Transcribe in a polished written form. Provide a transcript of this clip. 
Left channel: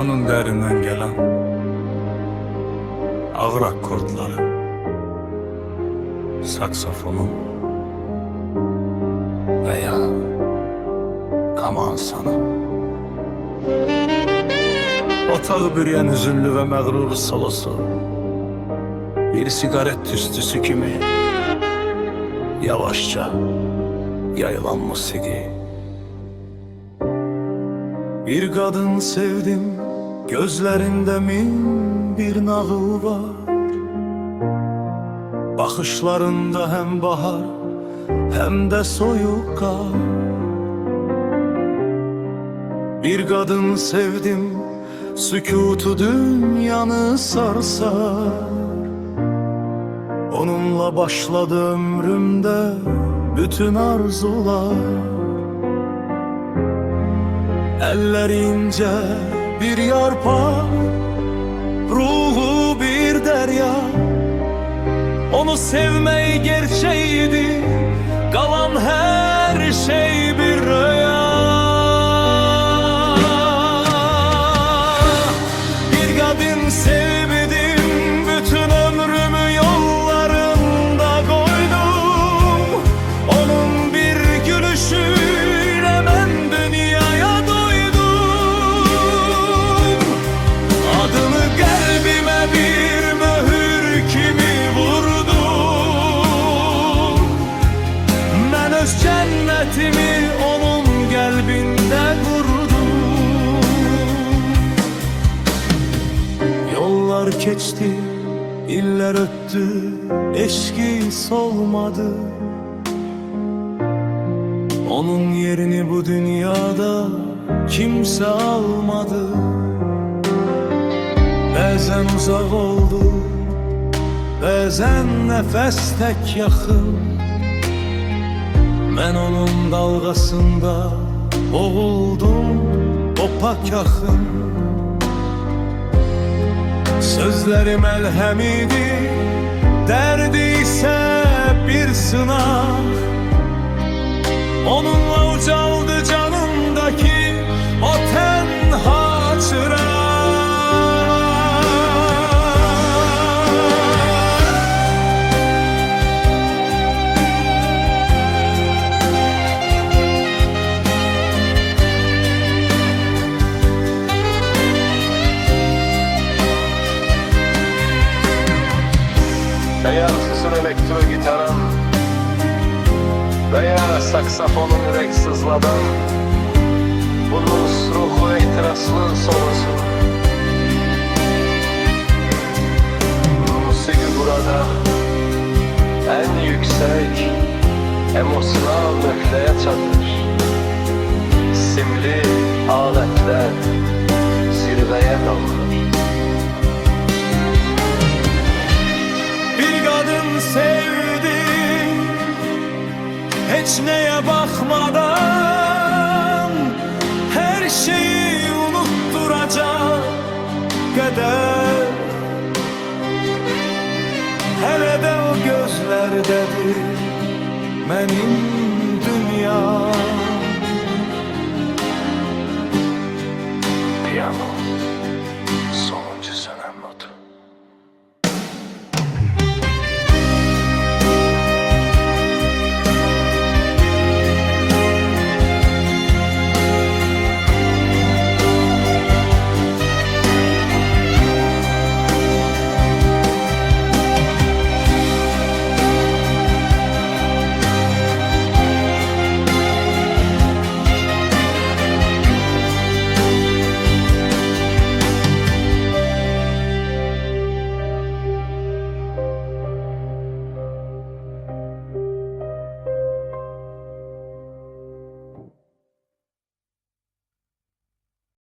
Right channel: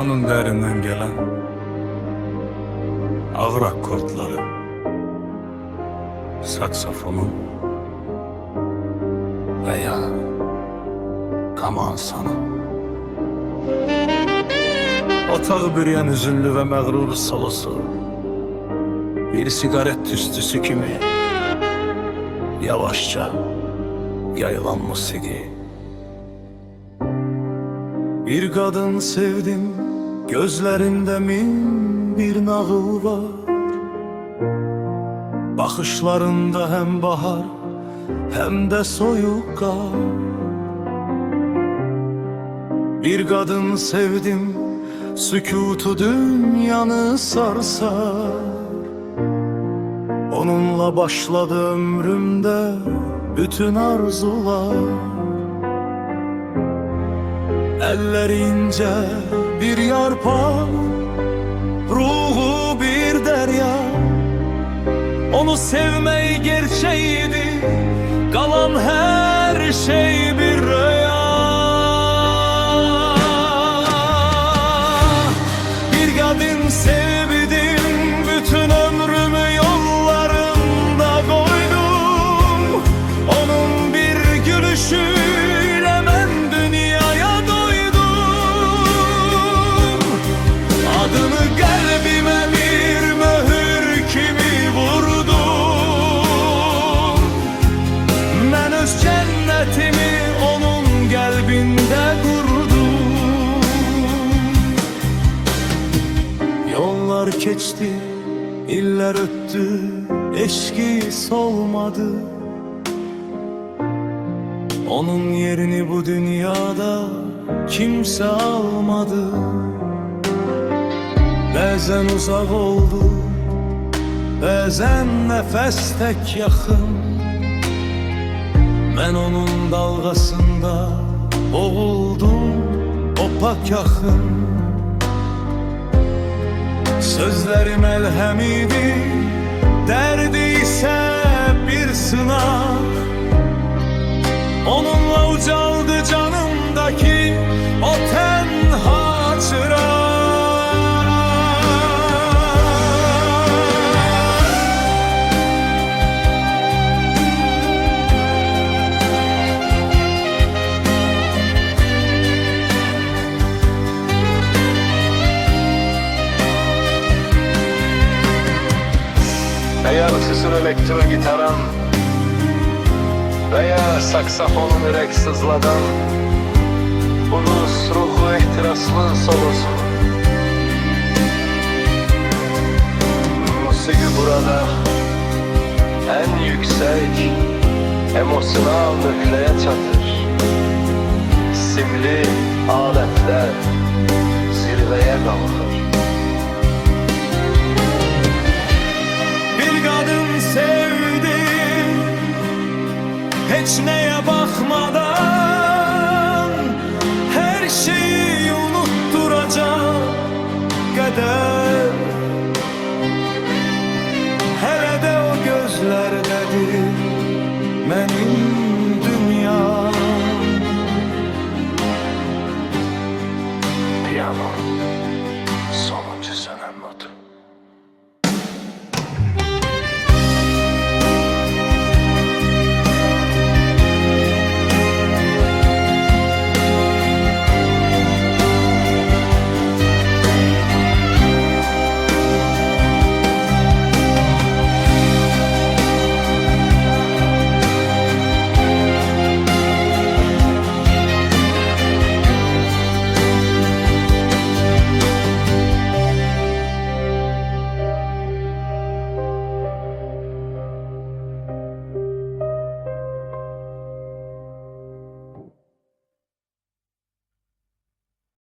Onun derinden gelen ağır akordları, saksafonun veya kamansanın. Otağı bürüyen hüzünlü ve mağrur solosu, bir sigaret tüstüsü kimi yavaşça yayılan musiki. Bir kadın sevdim, gözlerinde min bir nağıl var. Bakışlarında hem bahar hem de soyuk kar. Bir kadın sevdim, sükutu dünyanı sarsar. Onunla başladı ömrümde bütün arzular. Elleri ince bir yarpak, ruhu bir derya. Onu sevmeyi gerçeğiydi, kalan her şey bir rüya. Bir kadın sevdim, bütün ömrümü yollarında koydum. Onun bir gülüşüyle ben dünyaya doydum. Adını kalbime bir mühür kimi vurdum. Ben öz cennetimi onun kalbinde kurdum. Yollar geçti, iller öttü, eşki solmadı. Onun yerini bu dünyada kimse almadı. Bazen uzak oldu, bazen nefes tek yakın. Ben onun dalgasında boğuldum, opak yakın. Sözlerim elhemiydi, derdi ise bir sınav. Onunla ucaldı canımdaki o tenha çırak. Eğer sısır elektro gitarın veya saksafonun yürek sızladan, blues ruhu ehtiraslı solosu. Musiki burada en yüksek emosyonel nökleye çatır. Simli aletler zirveye kalkar. Bir kadın sevdim, hiç neye bakmadan, her şeyi unutturacak kadar. Hele de o gözlerdedir benim dünyam. Piyano sonuncu sönem.